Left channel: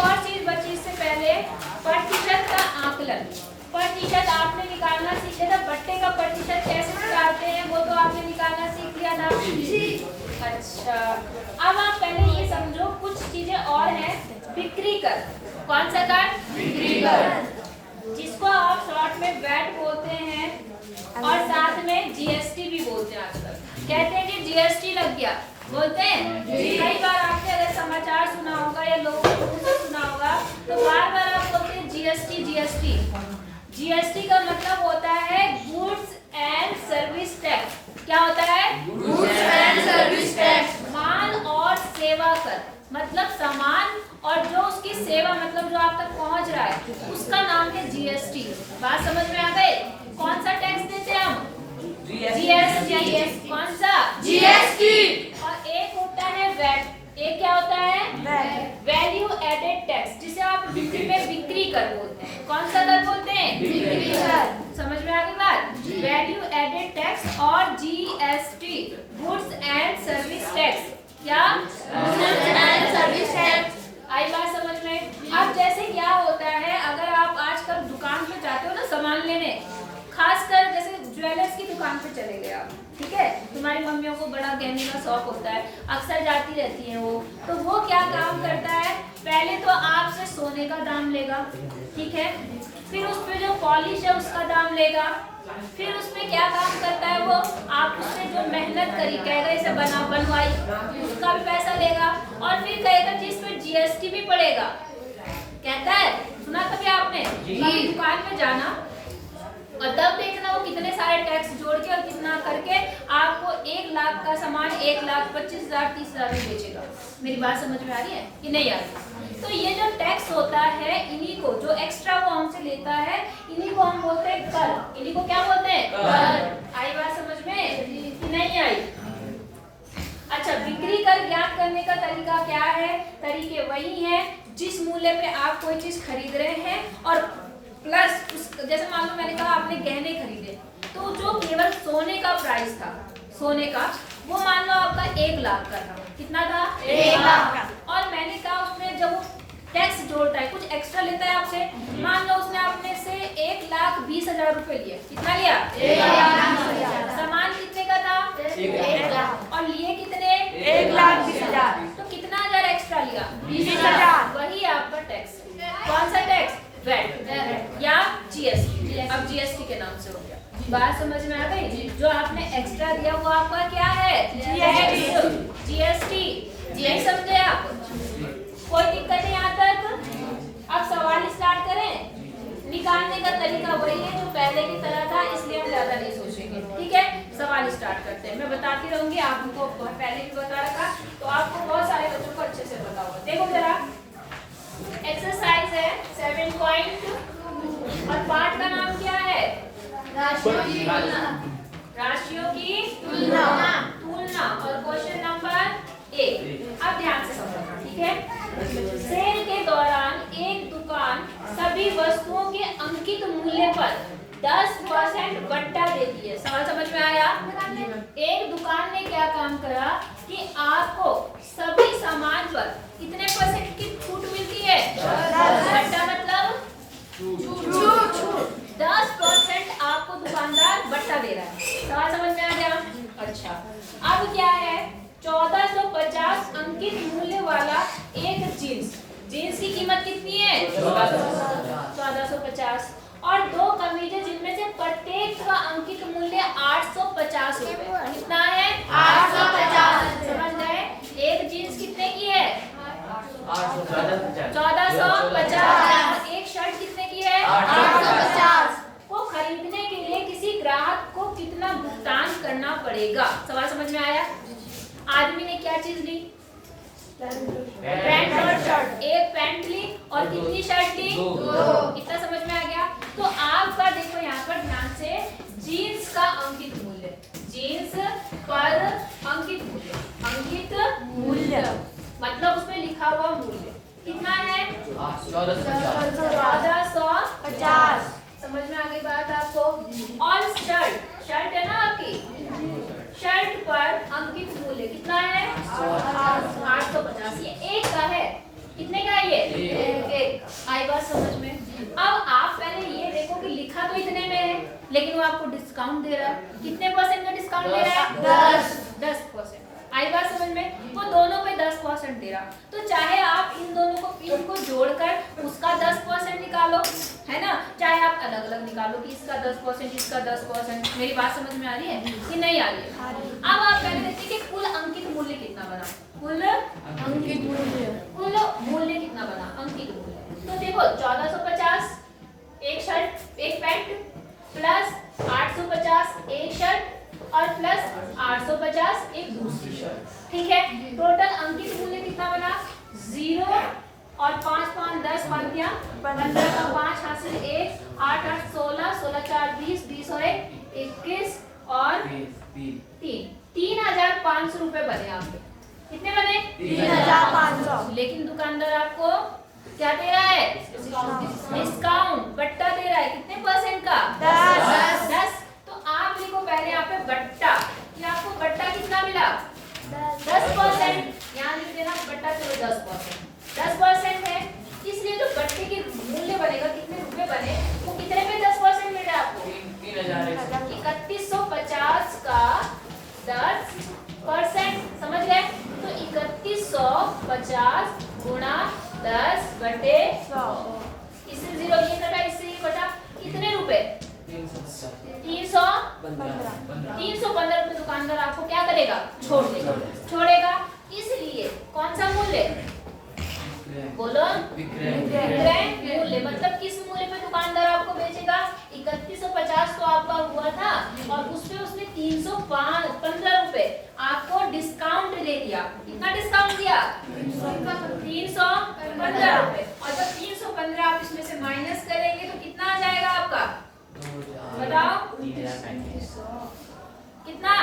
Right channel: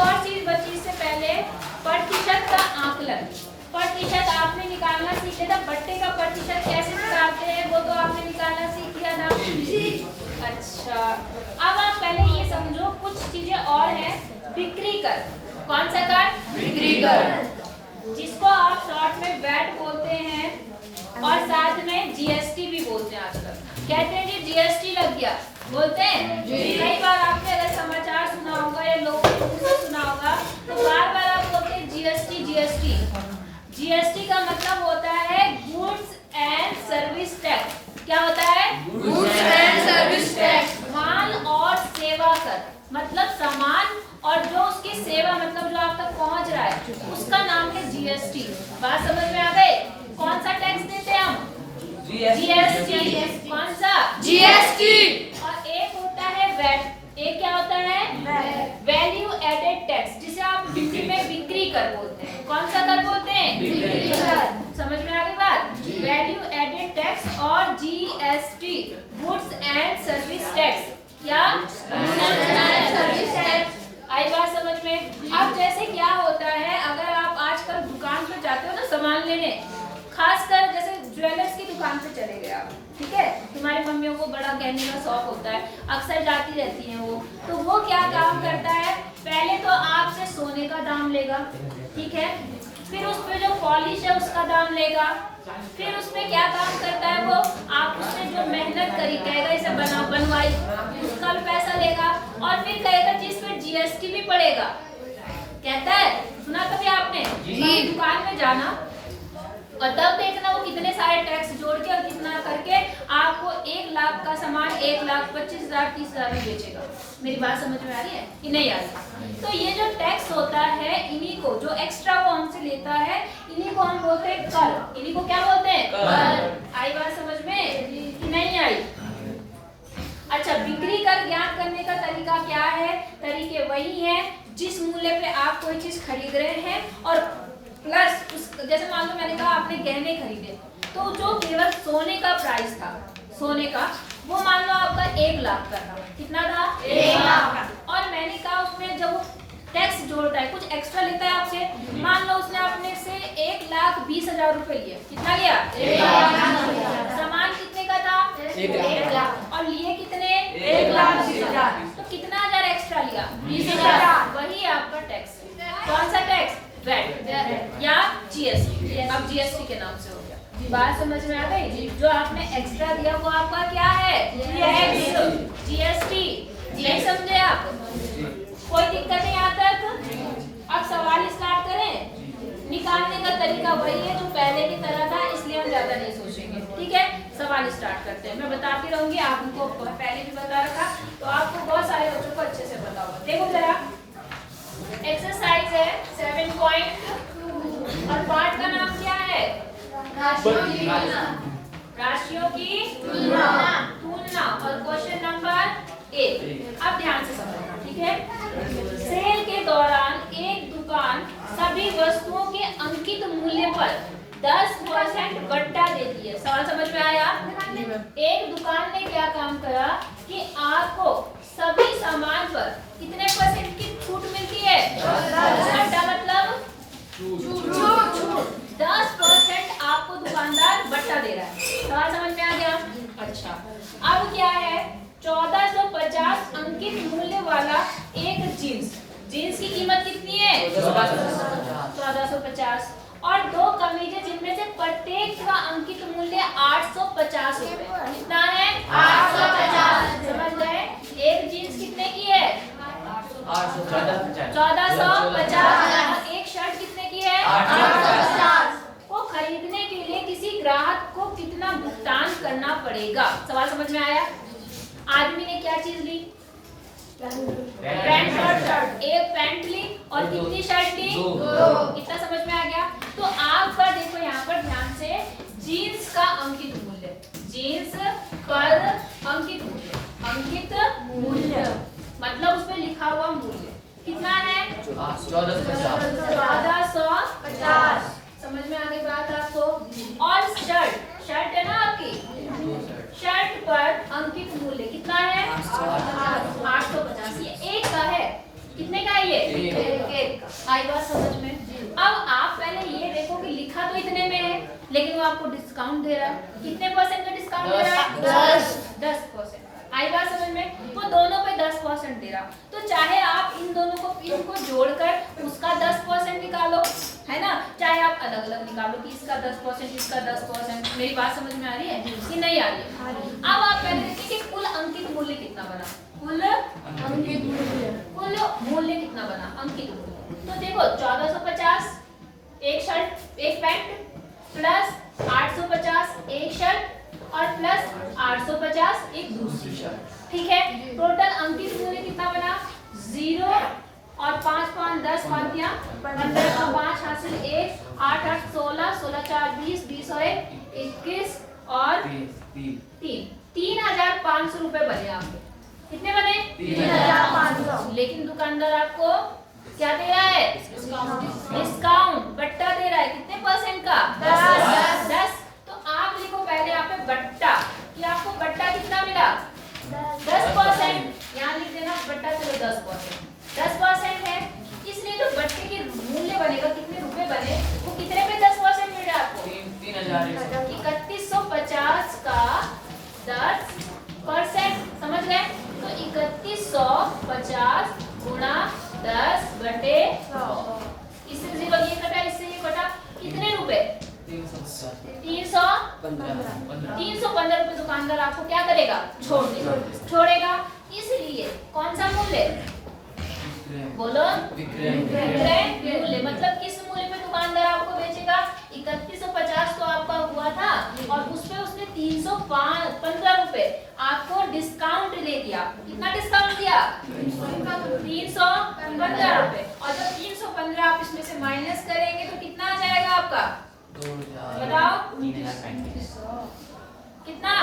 और चीज बची इससे पहले, प्रतिशत का आकलन। प्रतिशत आपने निकालना सीख लिया था, बट्टे का प्रतिशत कैसे निकालते हैं वो तो आपने निकालना सीख लिया था जी। अच्छा, अब आप पहले ये समझो कुछ चीजें और हैं। बिक्री कर, कौन सा कर? बिक्री कर, जिसको आप शॉर्ट में वैट बोलते हैं और साथ में जीएसटी भी बोलते हैं। आजकल कहते हैं कि जीएसटी लग गया, बोलते हैं। कई बार आपने अगर समाचार सुना होगा या लोगों को मुंह से सुना होगा तो बार बार आप बोलते हैं जीएसटी जीएसटी। जीएसटी का मतलब होता है गुड्स एंड सर्विस टैक्स। क्या होता है? Goods and service tax. माल और सेवा कर, मतलब सामान और जो उसकी सेवा, मतलब जो आप तक पहुंच रहा है, उसका नाम है जीएसटी। बात समझ में आ गई? कौन सा टैक्स देते हैं हम? जीएसटी। कौन सा? जीएसटी। और एक होता है वैट। एक क्या होता है? वैल्यू एडेड टैक्स, जिसे आप हिंदी में बिक्री कर बोलते हैं। कौन सा कर बोलते हैं? बिक्री कर। समझ में आ गई बात? वैल्यू एडेड टैक्स और GST, goods and service tax. क्या? Goods and service tax. आई बात समझ में? अब जैसे क्या होता है, अगर आप आजकल दुकान पर जाते हो ना सामान लेने, खासकर जैसे ज्वेलर्स की दुकान पे चले गए आप, ठीक है, तुम्हारी मम्मियों को बड़ा गहने का शौक होता है, अक्सर जाती रहती हैं वो, तो वो क्या काम करता है, पहले तो आपसे सोने का दाम लेगा, ठीक है, फिर उस पे जो पॉलिश है उसका दाम लेगा, फिर उसमें क्या काम करता है वो, आप उसने जो मेहनत करी, कहेगा इसे बनवाई, उसका भी पैसा लेगा, और फिर कहेगा जिस पे जीएसटी भी पड़ेगा। कहता है, सुना कभी आपने? दुकान में जाना और तब देखना वो कितने सारे टैक्स जोड़ के और कितना करके आपको 1 लाख का सामान 1,25,000 30,000 में बेचेगा। मेरी बात समझ में आ रही है कि नहीं आ रही? तो ये जो टैक्स होता है, इन्हीं को जो एक्स्ट्रा वो हमसे लेता है, इन्हीं को हम बोलते हैं कर। इन्हीं को क्या बोलते हैं? कर। आई बात समझ में कि नहीं आई? अच्छा, बिक्री कर ज्ञात करने का तरीका क्या है? तरीके वही है जिस मूल्य पे आप कोई चीज खरीद रहे हैं और प्लस उस, जैसे मान लो मैंने कहा आपने गहने खरीदे, तो जो केवल सोने का प्राइस था, सोने का, वो मान लो आपका 1 लाख का था। कितना था? 1 लाख। और मैंने कहा उसमें जब वो टैक्स जोड़ता है, कुछ एक्स्ट्रा लेता है आपसे, मान लो उसने आपने से 1,20,000 रुपए लिए। कितना लिया? 1 लाख। सामान कितने का था? 1 लाख। और लिए कितने? 1,20,000। तो कितना हजार एक्स्ट्रा लिया? 20,000। वही आपका टैक्स। कौन सा टैक्स? वैट या जीएसटी। अब जीएसटी के नाम से हो गया। बात समझ में आ गई? जो आपने एक्स्ट्रा दिया वो आपका क्या है? जीएसटी। नहीं समझे आप? कोई दिक्कत है यहाँ तक? अब सवाल स्टार्ट करें। निकालने का तरीका वही है जो पहले की तरह था, इसलिए हम ज्यादा नहीं सोचेंगे, ठीक है? सवाल स्टार्ट करते हैं। मैं बताती रहूंगी, आपको पहले भी बता रखा, तो आपको बहुत सारे बच्चों को अच्छे से पता होगा। देखो जरा, एक्सरसाइज है 7 और पार्ट का नाम क्या है? राशियों की तुलना। राशियों की तुलना। और क्वेश्चन नंबर 1। अब ध्यान से समझना, ठीक है? सेल के दौरान एक दुकान सभी वस्तुओं के अंकित मूल्य पर 10% बट्टा देती है। सवाल समझ में आया? एक दुकान ने क्या काम करा कि आपको सभी सामान पर कितने % की छूट मिलती है? बट्टा मतलब छूट। 10% आपको दुकानदार बट्टा दे रहा है। सवाल समझ में आ गया? अच्छा, अब क्या है, 1450 अंकित मूल्य वाला एक जीन्स की कीमत कितनी है? 1450। और 2 कमीजें जिनमें से प्रत्येक का अंकित मूल्य 850 रुपए। कितना है? 850। समझ गए? एक जीन्स कितने की है? 1450। एक शर्ट कितने की है? 850। को खरीदने के लिए किसी ग्राहक को कितना भुगतान करना पड़ेगा? सवाल समझ में आया? आदमी ने क्या चीज ली? पैंट और शर्ट। एक पैंट ली और कितनी शर्ट ली? 2। इतना समझ में आ गया? तो आपका देखो यहाँ पर ध्यान से, जीन्स का अंकित मूल्य, जीन्स पर अंकित मूल्य मतलब उसमें लिखा हुआ मूल्य कितना है? 1450। समझ में आ गई बात आपको? और शर्ट है ना आपकी, शर्ट पर अंकित मूल्य कितना है? 850। ये एक का है। कितने का है ये? वो आपको डिस्काउंट दे रहा है। कितने परसेंट का डिस्काउंट दे रहा है? 10%। आई बात समझ में? वो दोनों पे 10% दे रहा, तो चाहे आप इन दोनों को इनको जोड़कर उसका 10% निकालो, है ना, चाहे आप अलग अलग निकालो कि इसका 10% इसका 10%। मेरी बात समझ में आ रही है कि नहीं आ रही है? अब आप पहले देखिए कि कुल अंकित मूल्य कितना बना। कुल मूल्य कितना बना? अंकित मूल्य। तो देखो 1450 एक शर्ट एक पैंट, प्लस 850 एक शर्ट और प्लस 850 एक दूसरी शर्ट। ठीक है, टोटल अंकित मूल्य कितना बना? 0 और 5 5 10 5 15 का 5 हासिल 1 8 8 16 16 4 20 20 और 1 21 और 3 3500 रुपए बने आपके। कितने बने? 3500। लेकिन दुकानदार आपको क्या दे रहा है? डिस्काउंट, बट्टा दे रहा है। कितने परसेंट का? 10। तो आप लिखो पहले यहाँ पे बट्टा, कि आपको बट्टा कितना मिला? 10%। यहाँ लिख देना बट्टा, चलो 10% है, इसलिए जो बट्टे के मूल्य बनेगा, कितने रुपए बने, वो कितने पे 10% मिल रहा है आपको? 3150 का 10%। समझ गए? तो 3150 गुणा 10 बटे 100। इससे 0 ये कटा, इससे ये कटा, कितने रुपए? 315 रुपए दुकानदार आपको क्या करेगा? छोड़ेगा। इसलिए कौन सा मूल्य? बोलो, विक्रय मूल्य। मतलब किस मूल्य पे दुकानदार आपको बेचेगा? 3150 तो आपका हुआ था और उसपे उसने 315 रुपए आपको डिस्काउंट दे दिया। कितना डिस्काउंट दिया? 315 रुपए। और जब 315 आप इसमें से माइनस करेंगे तो कितना आ जाएगा आपका? बताओ कितना?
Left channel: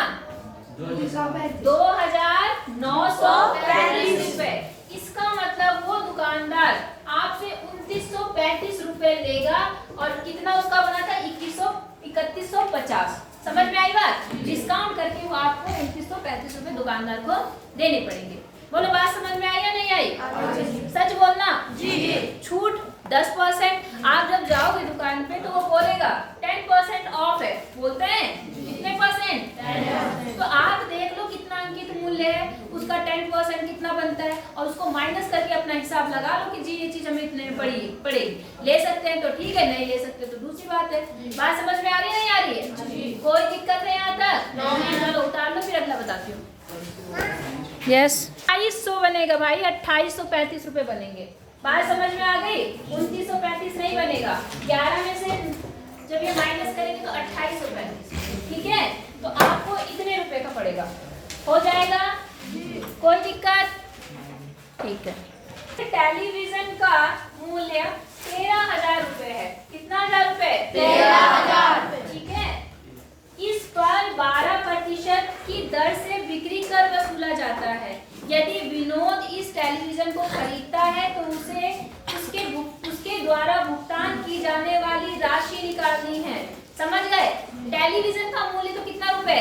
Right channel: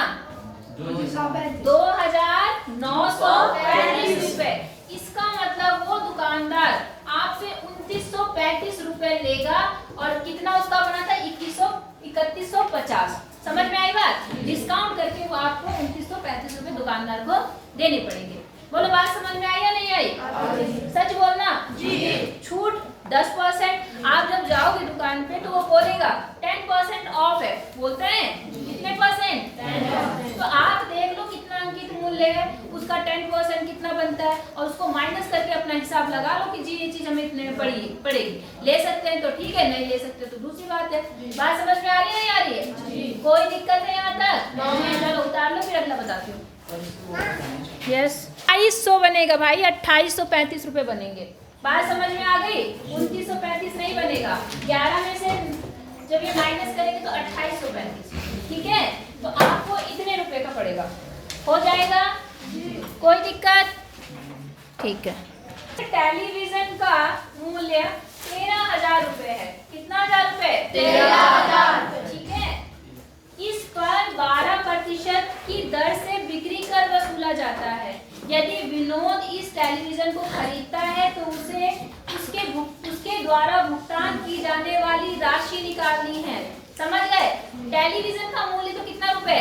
2935 रुपए। इसका मतलब वो दुकानदार आपसे 2935 रुपए लेगा और कितना उसका बना था? 3150। समझ में आई बात? डिस्काउंट करके वो आपको 2935 रुपए दुकानदार को देने पड़ेंगे। बोलो बात समझ में आई या नहीं आई? सच बोलना। जी। छूट 10%। आप जब जाओगे दुकान पे तो वो बोलेगा 10% ऑफ है, बोलते हैं कितने परसेंट? 10%। तो आप देख लो कितना अंकित मूल्य है, उसका 10% कितना बनता है और उसको माइनस करके अपना हिसाब लगा लो कि जी ये चीज हमें इतने में पड़ेगी। ले सकते हैं तो ठीक है, नहीं ले सकते तो दूसरी बात है। बात समझ में आ रही है नहीं आ रही है? कोई दिक्कत है यहाँ तक? चलो उतार लो, फिर अगला बताती हूँ। यस 2800 बनेगा भाई, 2835 रुपए बनेंगे। बात समझ में आ गई? 2935 नहीं बनेगा। 11 में से जब ये माइनस करेंगे तो 2835। ठीक है, तो आपको इतने रुपए का पड़ेगा। हो जाएगा? कोई दिक्कत? ठीक है। टेलीविजन का मूल्य 13,000 रुपए है। कितना हजार रुपए? 13,000। ठीक है, इस पर 12% की दर से बिक्री कर वसूला जाता है। यदि विनोद इस टेलीविजन को खरीदता है तो उसे उसके द्वारा भुगतान की जाने वाली राशि निकालनी है। समझ गए? टेलीविजन का मूल्य तो कितना रुपए?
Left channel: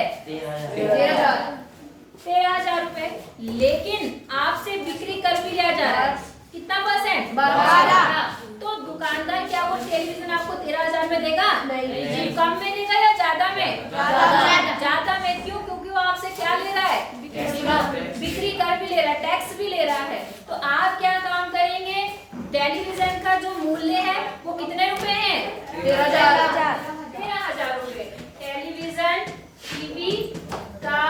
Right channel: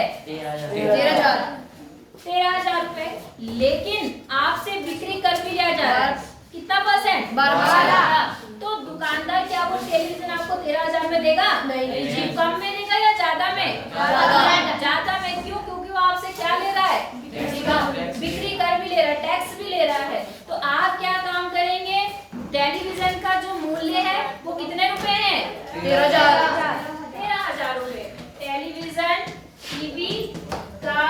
13,000 रुपए। लेकिन आपसे बिक्री कर भी लिया जा रहा है। कितना परसेंट? 12। तो दुकानदार क्या वो टेलीविजन आपको 13,000 में देगा? नहीं। कम में देगा या ज्यादा में? ज्यादा में। क्यों? क्योंकि वो आपसे क्या ले रहा है? बिक्री कर भी ले रहा है, टैक्स भी ले रहा है। तो आप क्या काम करेंगे? टेलीविजन का जो मूल्य है वो कितने रुपए है? 13,000 रुपए। टेलीविजन टीवी का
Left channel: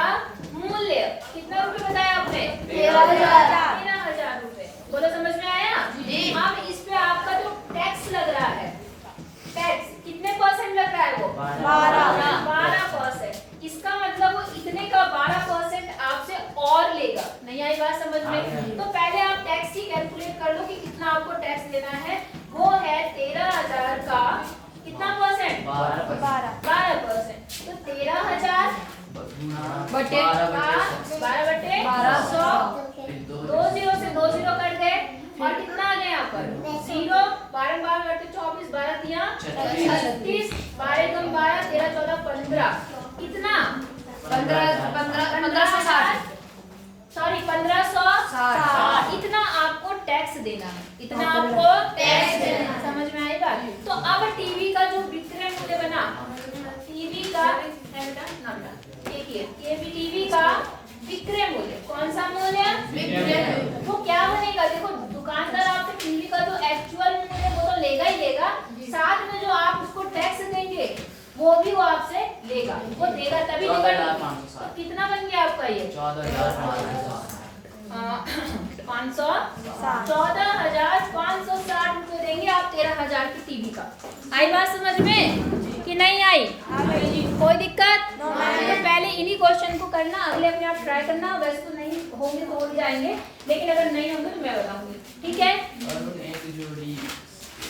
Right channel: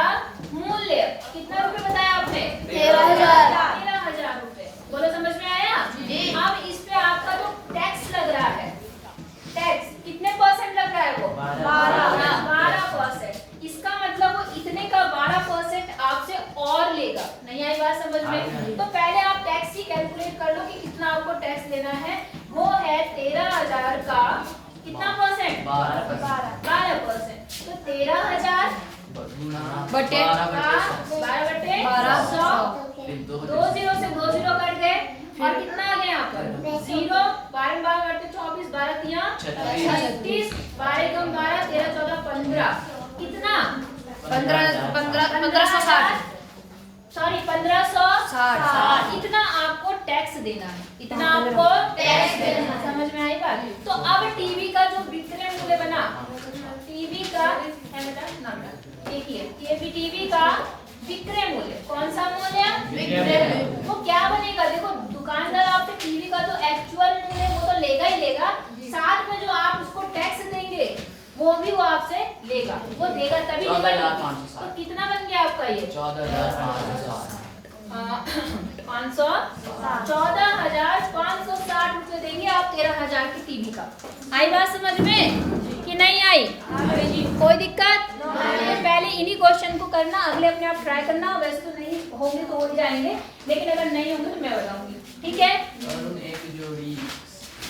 मूल्य कितना रुपए बताया आपने? 13,000 रुपए। बोलो समझ में आया? अब इस पे आपका जो टैक्स लग रहा है, टैक्स कितने परसेंट लग रहा है? वो 12%। इसका मतलब वो इतने का 12% आपसे और लेगा। नहीं आई बात समझ में? तो पहले आप टैक्स की कैलकुलेट कर लो कि कितना आपको टैक्स लेना है। वो है 13,000 का कितना परसेंट? 12%। तो 13,000 बटे 12/100। 2 0 से 2 0 कट गए और कितना आ गया यहाँ पर? 0। 12 12 करते 24, 12 3 36, 12 कम 12, 13 14 15। कितना? 1560। सॉरी 1560। इतना आपको टैक्स देना है। इतना आपको टैक्स देना है। समझ में आई बात? तो अब टीवी का जो विक्रय मूल्य बना, टीवी का है बेटा नाम देखिए टीवी का विक्रय मूल्य, कौन सा मूल्य? विक्रय। वो क्या बनेगा? देखो दुकानदार आपसे टीवी का जो एक्चुअल मूल्य वो तो लेगा ही लेगा, साथ में जो आप उसको टैक्स देंगे वो भी वो आपसे लेगा, वो देगा तभी लेगा। तो कितना बन गया आपका ये? 14,560 रुपए देंगे आप 13,000 की टीवी का। आई बात समझ में कि नहीं आई? कोई दिक्कत? तो पहले इन्हीं क्वेश्चन को करना, अगले अपने आप ट्राई करना। वैसे तो नहीं होंगे तो हो जाएंगे, लेकिन अगर नहीं होंगे तो मैं बताऊंगी, ठीक है?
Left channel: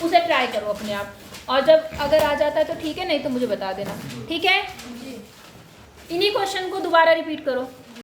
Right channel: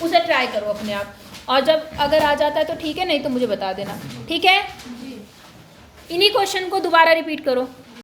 उसे ट्राई करो अपने आप, और जब अगर आ जाता है तो ठीक है, नहीं तो मुझे बता देना, ठीक है? इन्हीं क्वेश्चन को दोबारा रिपीट करो।